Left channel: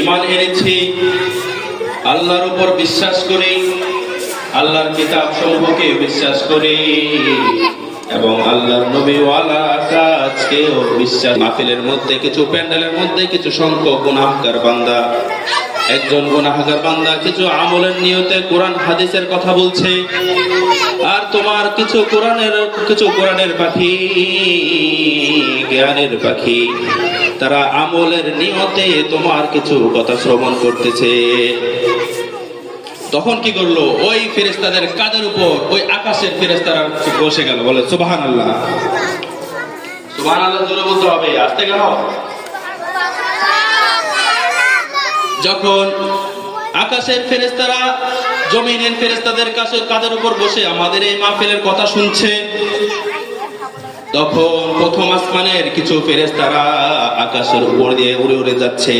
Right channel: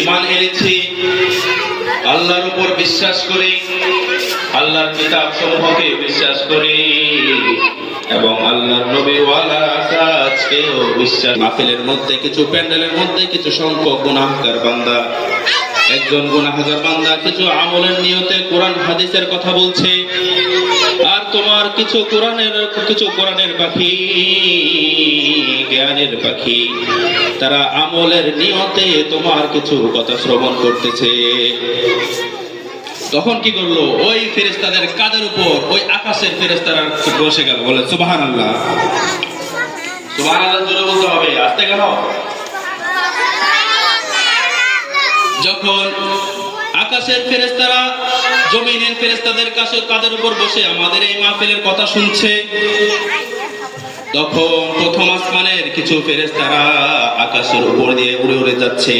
ঈমান এনেছি, আল্লাহর উপর বিশ্বাস করি, আল্লাহর কিতাব সমূহকে বিশ্বাস করি এবং আল্লাহর নবী ওয়ালা কাজকেও বিশ্বাস। মাহফিলের মধ্যে কিছু, প্যান্ডেলের মধ্যে কিছু সংখ্যক গুনাহগার বান্দা, একজন গুনাহগার বান্দা কিছু আমলের নিয়তে কোরআন হাদিসের কথা বলছে, আর তোমার কিছু কোরআনের পাখি, জ্ঞানের পাখি, তারা আমলের নিয়তে তোমার কিছু কথা শ্রবণ করতেছে। তখন কি করলো? ওই ফেরেশতাদের কাঁধের উপর ওই আকাশের ফেরেশতারা বসে গেল। বলে সুবহানাল্লাহ। সুবহানাল্লাহ জোরে বলতে হবে, আস্তে কেন? যখন আকাশের ফেরেশতারা জমিনের ফেরেশতাদের কাঁধের উপর বসে আমাদের এই মাহফিলের কথা শুনছে, তখন প্রথম আসমানের কিছু ফেরেশতারা আকাশের উপর দিয়ে উড়ে উড়ে যাচ্ছে।